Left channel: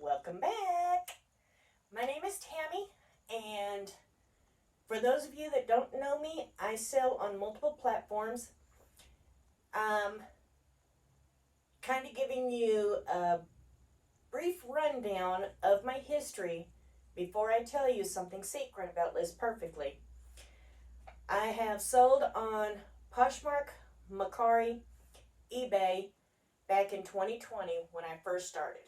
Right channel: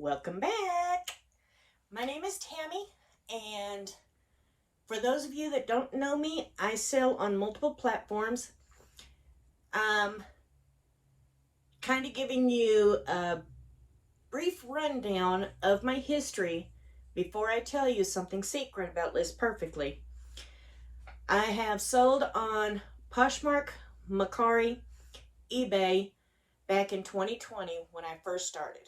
Welcome back. My name is Tammy, and for those of you that don't know me, I sell on multiple platforms. Kind of giving you a brief rundown of my history before I tell you something secret about List Perfectly. I have sold on Poshmark, Mercari, eBay back in 2020 when I first started.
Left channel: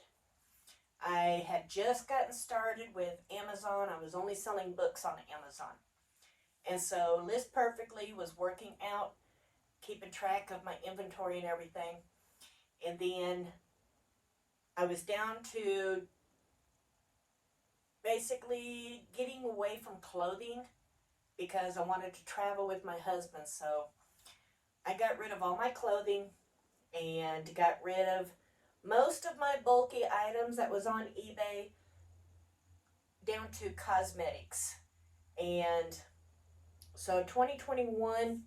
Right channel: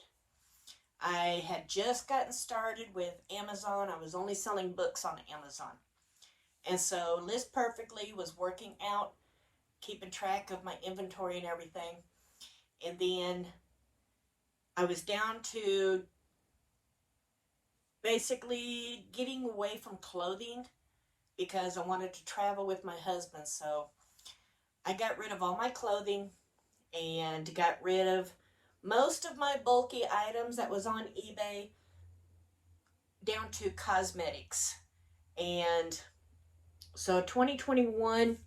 I had just gotten started with Amazon. I was only selling books on Amazon. And so List Perfectly was working out, keeping track of my inventory and everything. And then I was down to basically getting away from clothing because I wanted to travel with my husband. So I got rid of all my clothing and got rid of most of my bulky items that was on eBay down to cosmetics. And so 2021,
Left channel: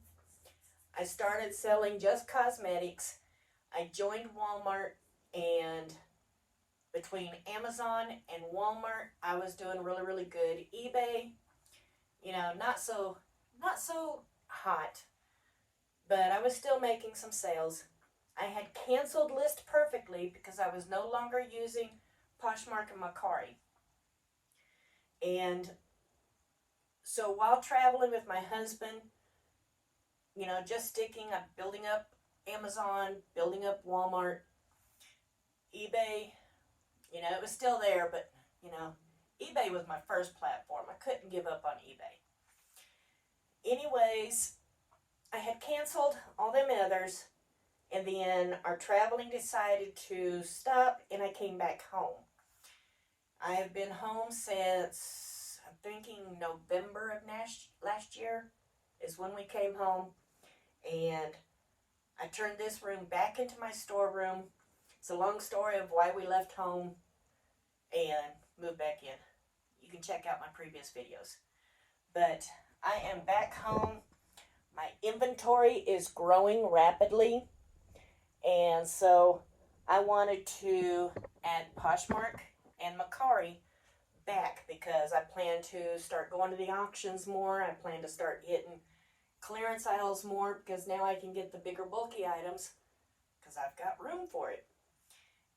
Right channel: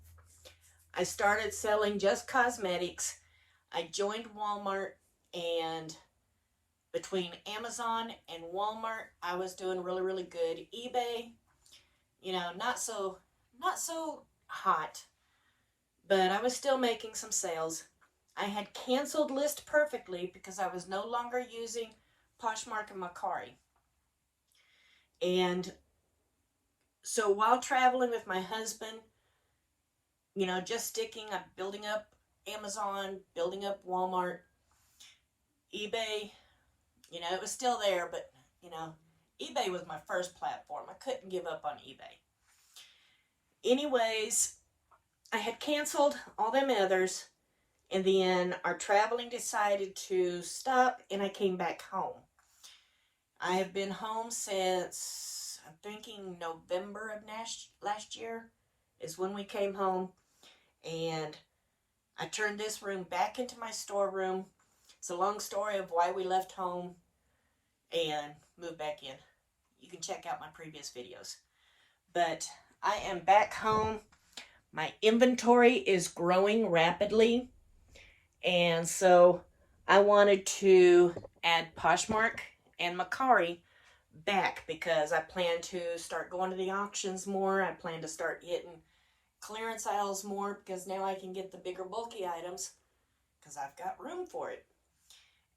I started selling just cosmetics. I joined Walmart, and between Amazon and Walmart, I was doing really, really good. eBay, not so hot, but I was still making some sales. I had canceled List Perfectly because I was no longer using Poshmark and Mercari. And so while traveling with my husband, just building up Amazon, building up Walmart, eBay, it was still there, but, eBay was my first platform. I couldn't give up on eBay. Anyways, I had canceled all them others, and then our traveling decided to stop, and I came back home. I have been home since, I'm thinking November of last year is when we came home, and I turned this room back into my storeroom. It's a long story of why we left home and moved back in. You can check out my previous videos. But I am back home. My inventory is growing rapidly. And so I wanted to add Poshmark and Mercari back because I plan to start going to the auctions more. I plan to start hitting clearance aisles more because now I can get the bigger bulky items because I've got room for it.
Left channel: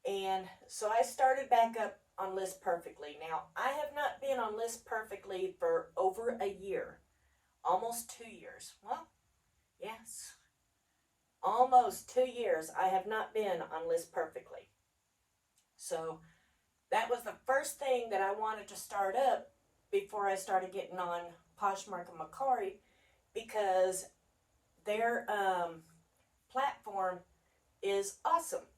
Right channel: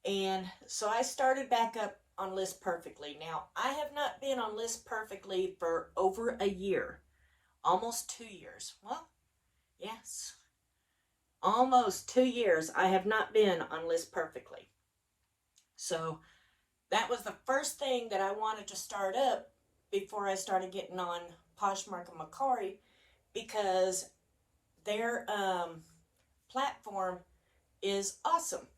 And so I started back up on List Perfectly. Now, I have not been on List Perfectly for over a year. Almost 2 years. Well, yes. Almost 2 years I have not been on List Perfectly. So that was the first thing that I wanted to start up before I started getting on Poshmark and Mercari, because their platform is awesome.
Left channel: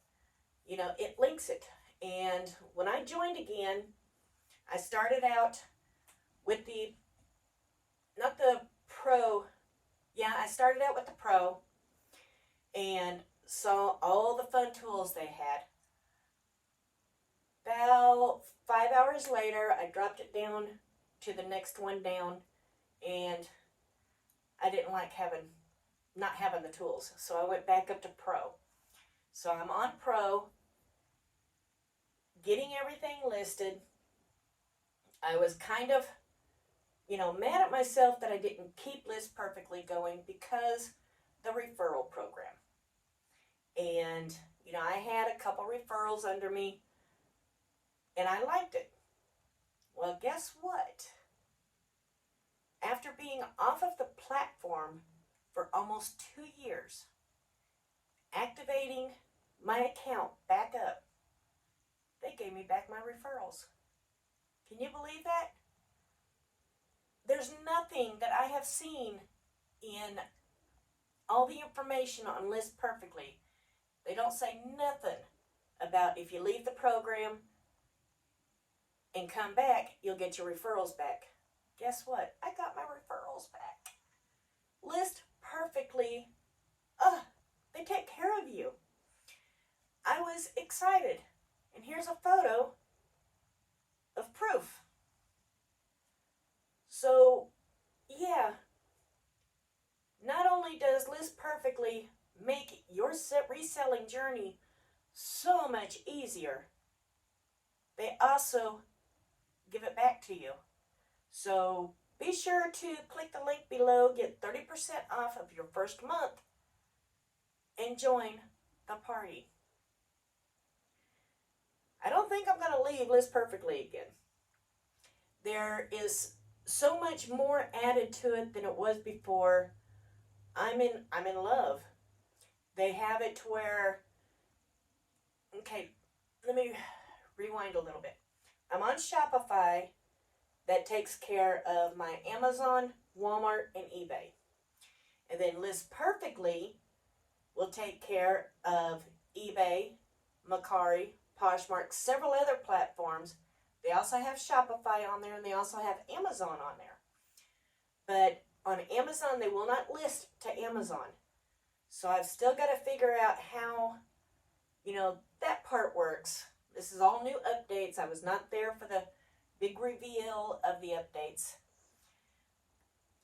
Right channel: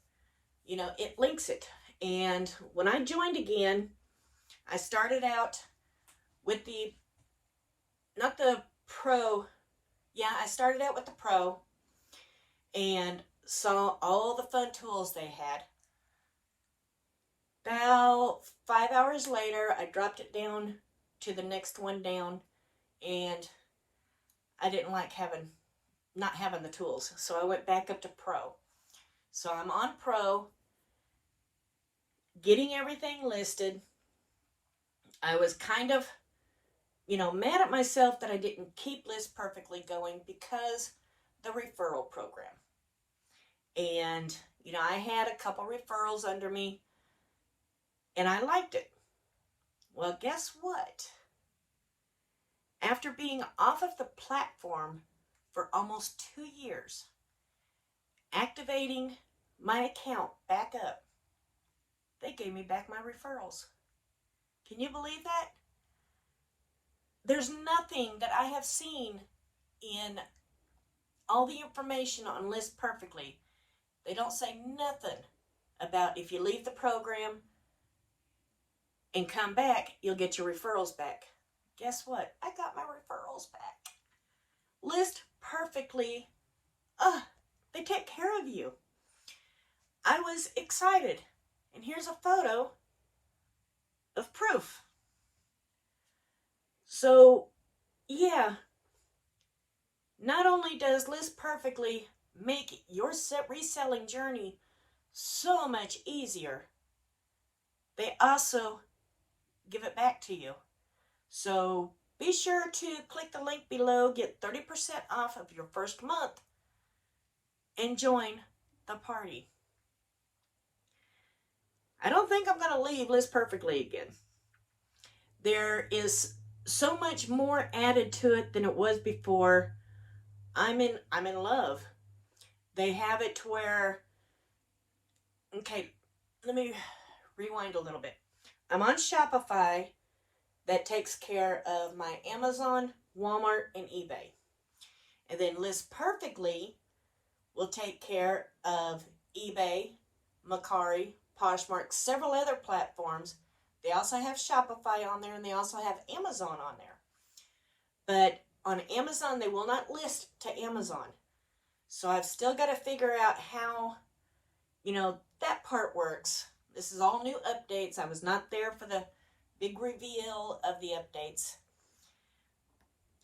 It links it. And when I joined again, I started out with I started out with the Pro and saw all the fun tools they had. About 5 hours later, I dropped it down to the next one down, and I didn't like not having the tools. So I went back up to Pro. So I'm on Pro, getting everything listed. I was kind of, mad at myself that I didn't keep List Perfectly going because the referral program. And, I had a couple referrals under me, and I liked it. Well, guess what? After being off of the platform for almost 2 years, activating my account back up, they gave me back my referrals. Can you believe that? There's nothing that I have seen in all the information on List Perfectly. They don't say nothing about if you leave the program and come back, you'll get your referrals back. Guess what? I got my referrals back. List Perfectly, they take care of you. I was excited. And here's a photo of proof. So, yeah, not only does List Perfectly make your reselling journey so much easier, they also give it back to you. So be sure to click the link below, get 30% off of your first month, and join the party. I don't think I'm going to leave List Perfectly again. There is so much more added to it than it was before. I'm in love. They have it to where, okay, let me rewind a little bit. I'm on Shopify that takes care of my Amazon, Walmart, and eBay. And then List Perfectly will take care of eBay, Mercari, Poshmark, several other platforms. They also have Shopify on there, and they also have Amazon on there. But on Amazon, they will not list to Amazon. So I've still got to figure out how, that part works. This is all new updates. I was not there for the big reveal of the updates.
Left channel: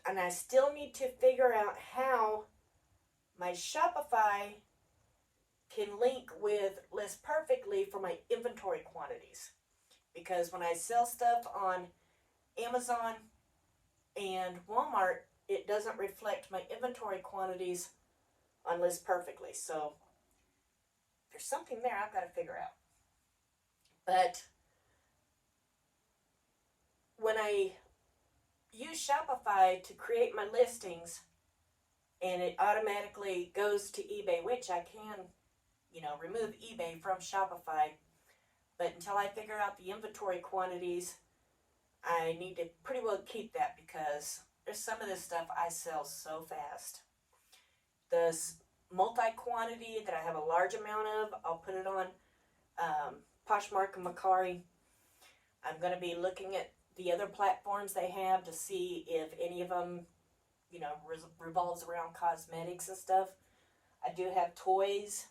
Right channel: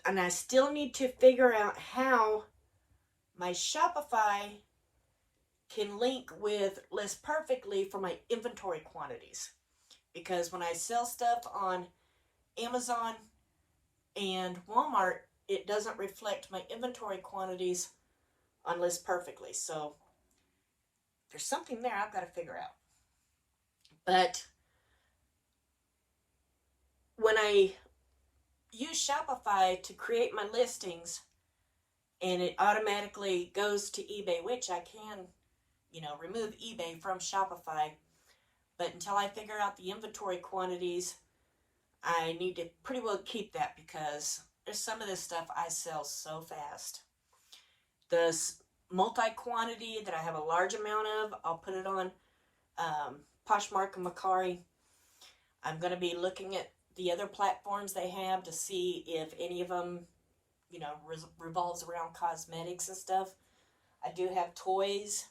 And I still need to figure out how my Shopify can link with List Perfectly for my inventory quantities. Because when I sell stuff on Amazon and Walmart, it doesn't reflect my inventory quantities on List Perfectly. So there's something there I've got to figure out. But when I use Shopify to create my listings, and it automatically goes to eBay, which I can, remove eBay from Shopify. But until I figure out the inventory quantities, I need to pretty well keep that, because there's some of this stuff I sell so fast. The multi-quantity that I have a large amount of, I'll put it on Poshmark and Mercari. I'm going to be looking at the other platforms they have to see if any of them, revolves around cosmetics and stuff. I do have toys.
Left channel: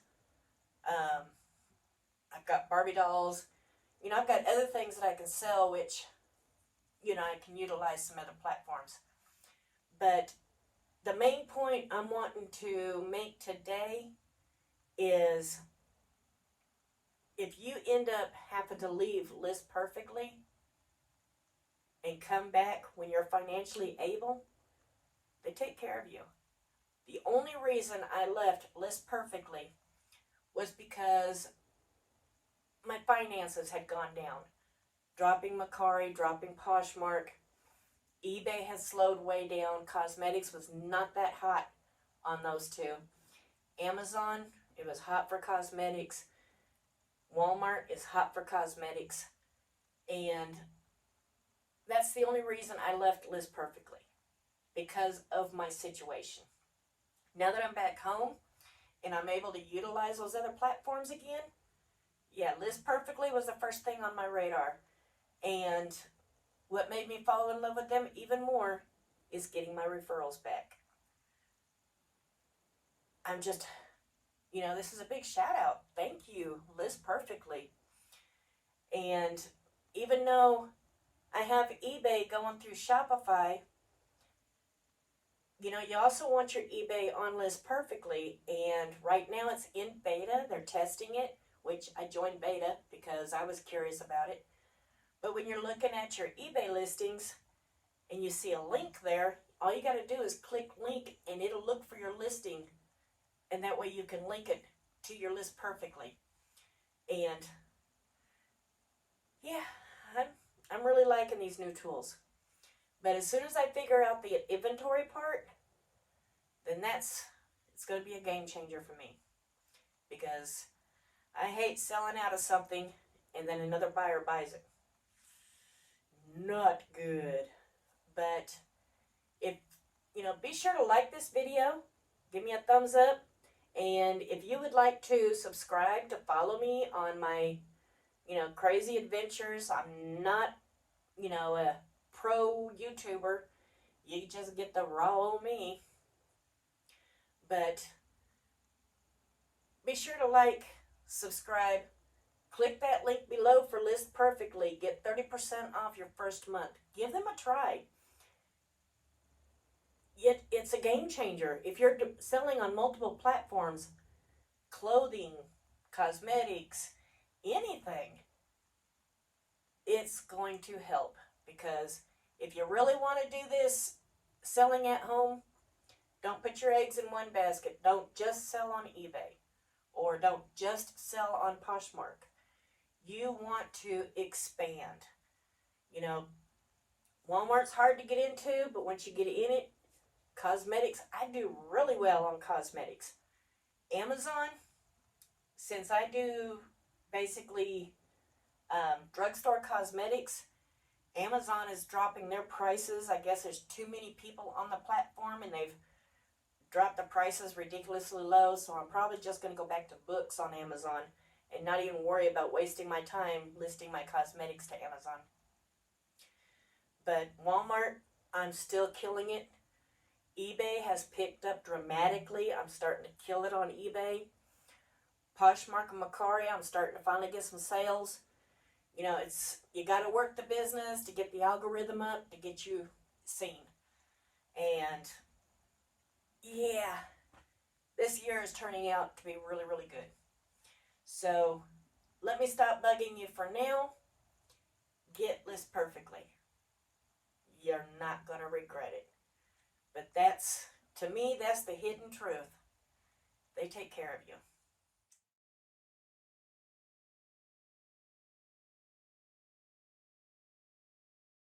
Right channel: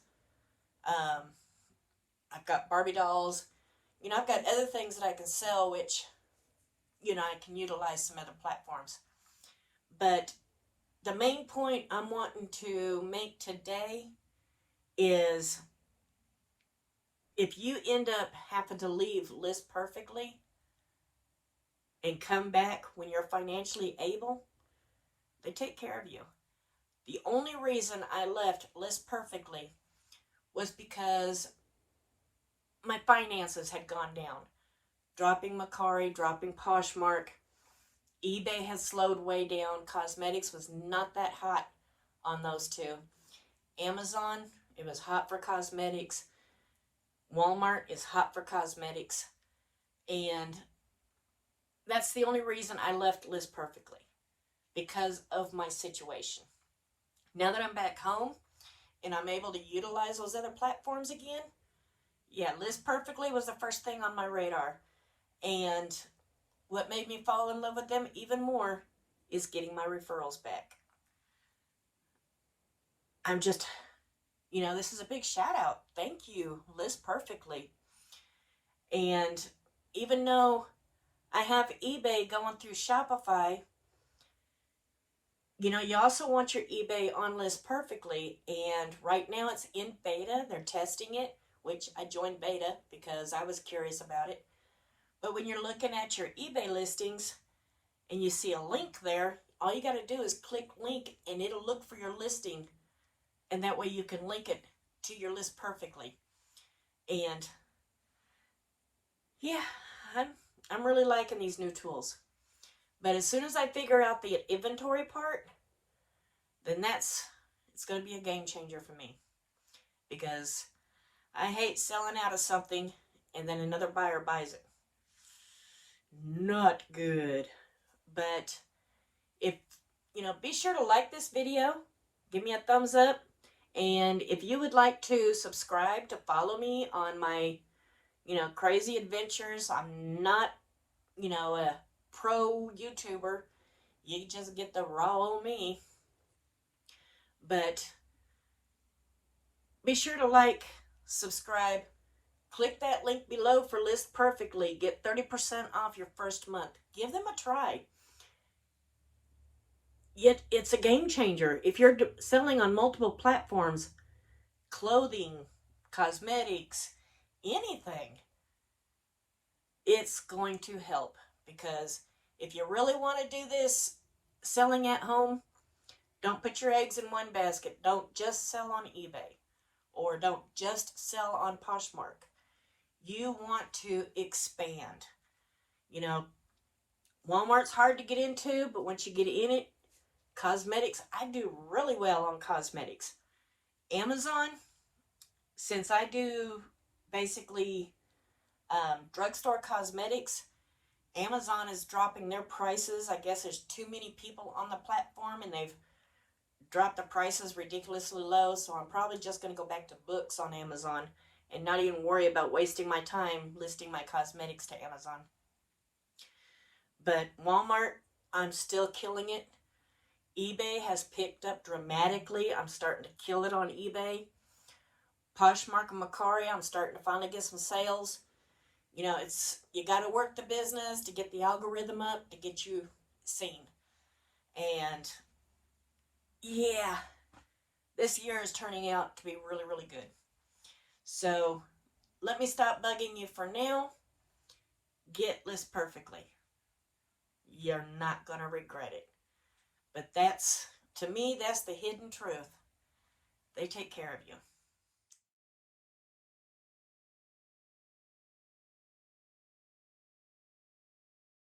I've got Barbie dolls. I've got other things that I can sell, which, I can utilize some other platforms. But the main point I'm wanting to make today is, if you end up having to leave List Perfectly and come back when you're financially able, they take care of you. The only reason I left List Perfectly was because my finances had gone down. Dropping Mercari, dropping Poshmark. eBay has slowed way down. Cosmetics was not that hot on those two. Amazon, it was hot for cosmetics. Walmart is hot for cosmetics. And that's the only reason I left List Perfectly, because of my situation. Now that I'm back home and I'm able to utilize those other platforms again, List Perfectly was the first thing on my radar. And what made me fall in love with them even more is getting my referrals back. I'm just, this is a big shout out. Thank you, List Perfectly. And even though I have eBay going through Shopify, you also want your eBay on List Perfectly. And right now it's in beta. They're testing it, which I joined beta because I was curious about it. But when you're looking at your eBay listings and you see a link there, all you got to do is click link and it'll look for your listing. And that way you can link it to your List Perfectly. And I'm really liking these new tools. But as soon as I figure out the inventory part, then it's going to be a game changer for me. Because I hate selling out of something and then another buyer buys it. Not good. But if, be sure to like this video. Give me a thumbs up. And if you would like to subscribe to follow me on my, crazy adventures, I'm not, a pro YouTuber. You just get the raw old me. But be sure to like, subscribe, click that link below for List Perfectly. Get 30% off your first month. Give them a try. Yet it's a game changer. If you're selling on multiple platforms, clothing, cosmetics, anything, it's going to help, because if you really want to do this selling at home, don't put your eggs in one basket. Don't just sell on eBay, or don't just sell on Poshmark. You want to expand. You know, Walmart's hard to get into, but once you get in it, cosmetics, I do really well on cosmetics. Amazon, since I do basically drugstore cosmetics, Amazon is dropping their prices. I guess there's too many people on the platform, and they've dropped the prices ridiculously low. So I'm probably just going to go back to books on Amazon and not even worry about wasting my time listing my cosmetics to Amazon. But Walmart, I'm still killing it. eBay has picked up dramatically. I'm starting to kill it on eBay. Poshmark and Mercari, I'm starting to finally get some sales. You know, you got to work the business to get the algorithm up to get you seen. And yeah, this year is turning out to be really, really good. So let me stop bugging you for now. Get list perfectly. You're not going to regret it. But to me, that's the hidden truth. They take care of you.